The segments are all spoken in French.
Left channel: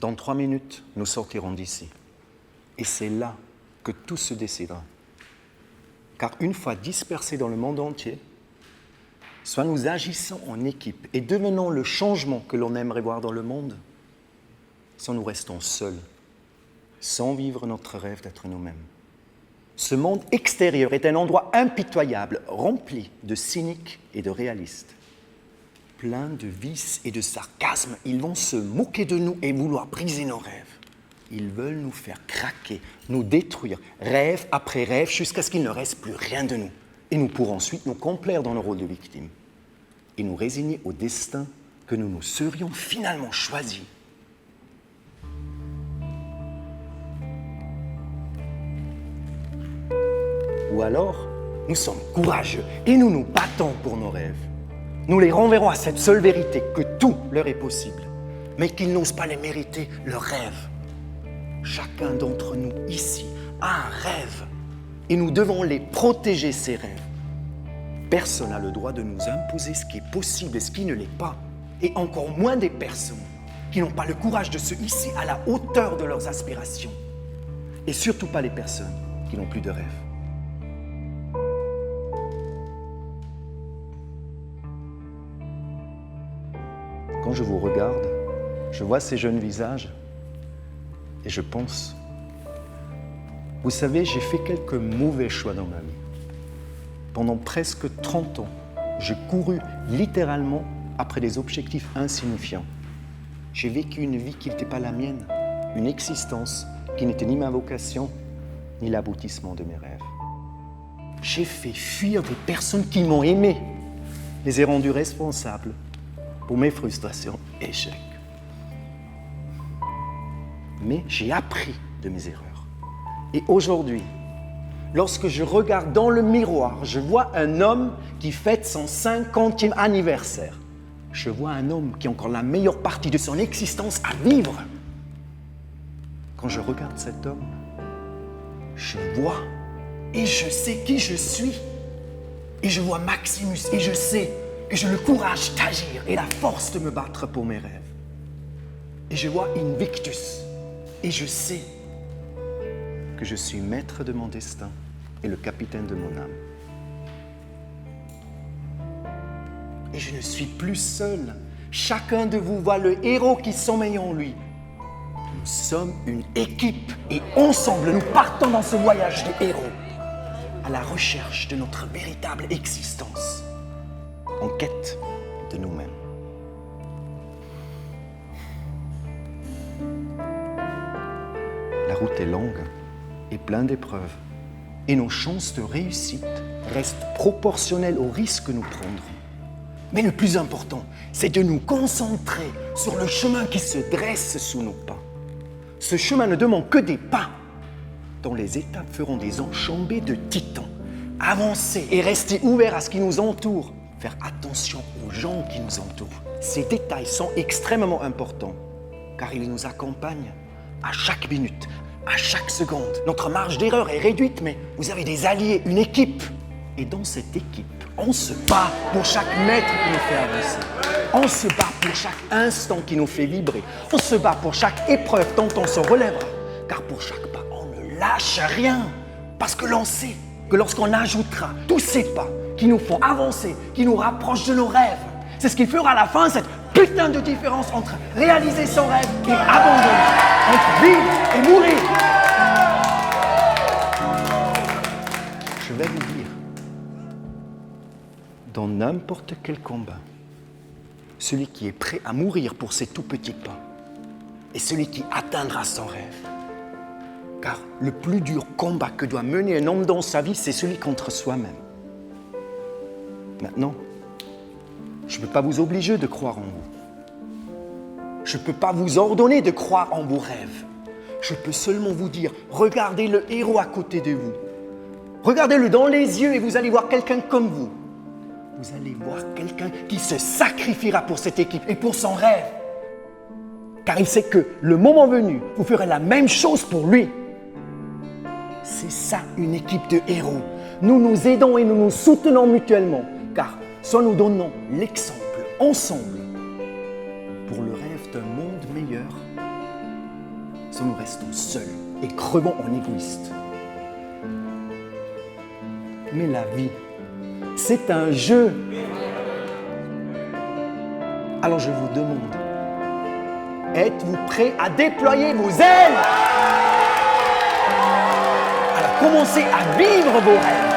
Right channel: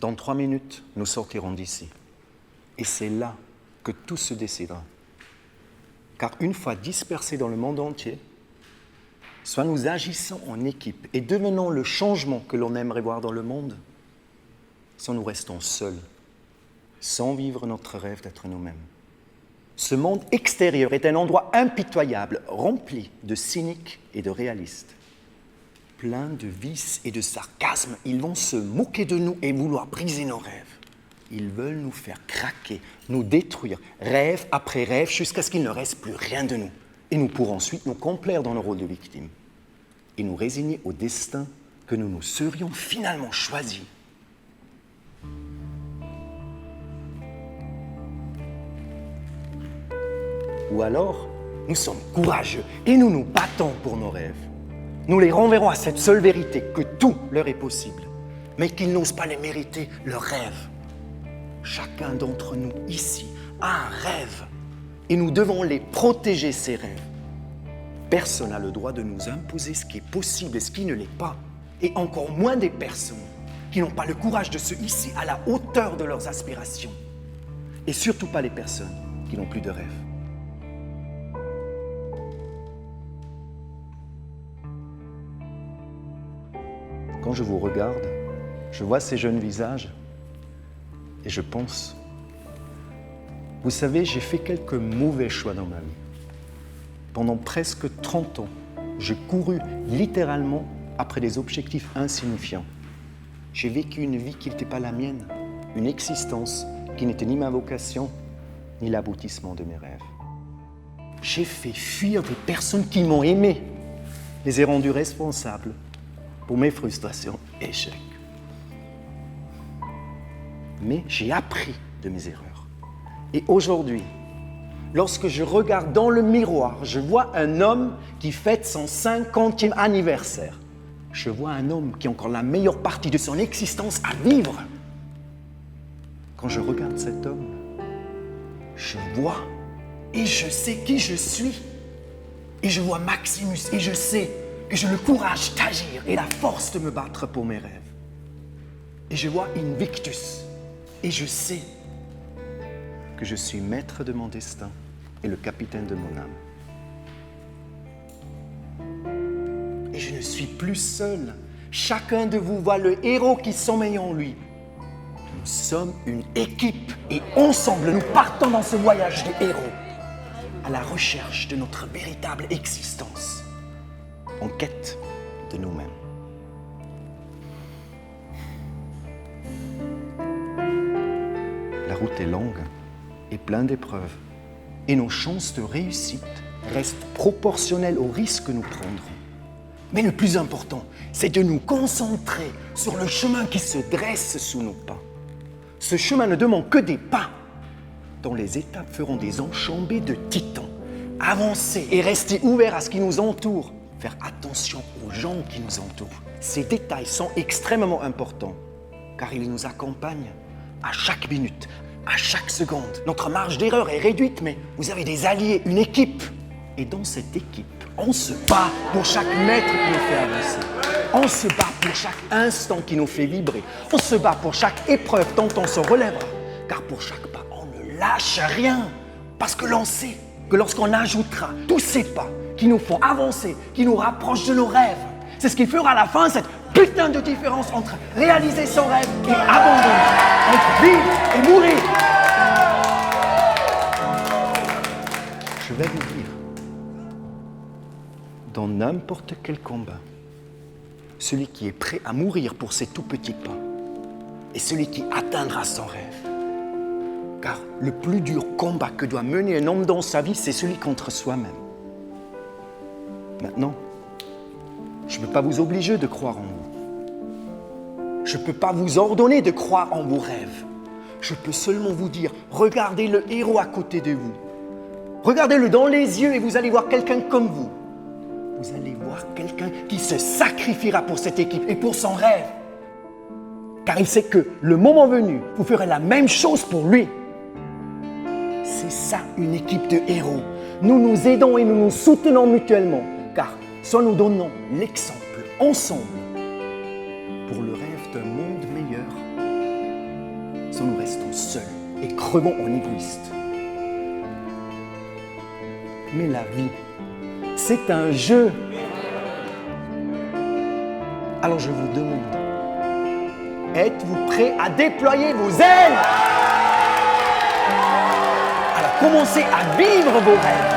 Dans 3 minutes, nous sortirons d'ici. Et c'est là que tout se décidera. Car une fois dispersés dans le monde entier, soit nous agissons en équipe et devenons le changement que l'on aimerait voir dans le monde, soit nous restons seuls, sans vivre notre rêve d'être nous-mêmes. Ce monde extérieur est un endroit impitoyable, rempli de cyniques et de réalistes. Plein de vices et de sarcasme, ils vont se moquer de nous et vouloir briser nos rêves. Ils veulent nous faire craquer, nous détruire, rêve après rêve, jusqu'à ce qu'il ne reste plus rien de nous. Et nous pourrons ensuite nous complaire dans le rôle de victime et nous résigner au destin que nous nous serions finalement choisis. Ou alors, nous sommes courageux et nous nous battons pour nos rêves. Nous les renverrons à cette seule vérité, que tout leur est possible, mais qu'ils n'osent pas les mériter, leurs rêves. Chacun d'entre nous ici a un rêve et nous devons les protéger, ces rêves. Personne n'a le droit de nous imposer ce qui est possible et ce qui ne l'est pas, et encore moins des personnes qui n'ont pas le courage de se hisser à la hauteur de leurs aspirations, et surtout pas les personnes qui n'ont plus de rêve. Quand je vous regarde, je vois ces jeunes visages et je pense, vous savez, j'ai fait quelques mauvais choix dans ma vie. Pendant presque 30 ans, j'ai couru littéralement après des objectifs insignifiants. J'ai vécu une vie qui n'était pas la mienne, une existence qui n'était ni ma vocation, ni l'aboutissement de mes rêves. J'ai fait fuir des personnes qui m'ont aimé, les ai rendues responsables pour mes frustrations et échecs. Mais j'ai appris de mes erreurs. Et aujourd'hui, lorsque je regarde dans le miroir, je vois un homme qui fête son 50e anniversaire. Je vois un homme qui a encore la meilleure partie de son existence à vivre. Quand je regarde cet homme, je vois et je sais qui je suis. Et je vois Maximus et je sais que j'ai le courage d'agir et la force de me battre pour mes rêves. Et je vois Invictus et je sais que je suis maître de mon destin et le capitaine de mon âme. Et je ne suis plus seul. Chacun de vous voit le héros qui sommeille en lui. Nous sommes une équipe et ensemble nous partons dans ce voyage de héros à la recherche de notre véritable existence, en quête de nous-mêmes. La route est longue et pleine d'épreuves, et nos chances de réussite restent proportionnelles aux risques que nous prendrons. Mais le plus important, c'est de nous concentrer sur le chemin qui se dresse sous nos pas. Ce chemin ne demande que des pas, dont les étapes feront des enjambées de titans. Avancer et rester ouvert à ce qui nous entoure. Faire attention aux gens qui nous entourent. Ces détails sont extrêmement importants, car ils nous accompagnent à chaque minute, à chaque seconde. Notre marge d'erreur est réduite, mais vous avez des alliés, une équipe. Et dans cette équipe, on se bat pour chaque mètre qui nous fait avancer. On se bat pour chaque instant qui nous fait vibrer. On se bat pour chaque épreuve dont on se relèvera. Car pour chaque pas, on ne lâche rien. Parce que l'on sait que lorsqu'on ajoutera tous ces pas qui nous font avancer, qui nous rapprochent de nos rêves, c'est ce qui fera à la fin cette putain de différence entre réaliser son rêve et abandonner, entre vivre et mourir. Je vais vous dire, dans n'importe quel combat, celui qui est prêt à mourir pour ses tout petits pas est celui qui atteindra son rêve. Car le plus dur combat que doit mener un homme dans sa vie, c'est celui contre soi-même. Maintenant, je ne peux pas vous obliger de croire en vous. Je ne peux pas vous ordonner de croire en vos rêves. Je peux seulement vous dire, regardez le héros à côté de vous. Regardez-le dans les yeux et vous allez voir quelqu'un comme vous. Vous allez voir quelqu'un qui se sacrifiera pour cette équipe et pour son rêve. Car il sait que le moment venu, vous ferez la même chose pour lui. C'est ça une équipe de héros. Nous nous aidons et nous nous soutenons mutuellement. Car soit nous donnons l'exemple ensemble pour le rêve d'un monde meilleur, soit nous restons seuls et crevons en égoïstes. Mais la vie, c'est un jeu. Alors je vous demande, êtes-vous prêts à déployer vos ailes? Alors commencez à vivre vos rêves.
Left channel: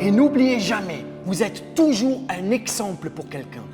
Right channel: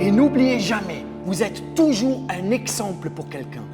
Et n'oubliez jamais, vous êtes toujours un exemple pour quelqu'un.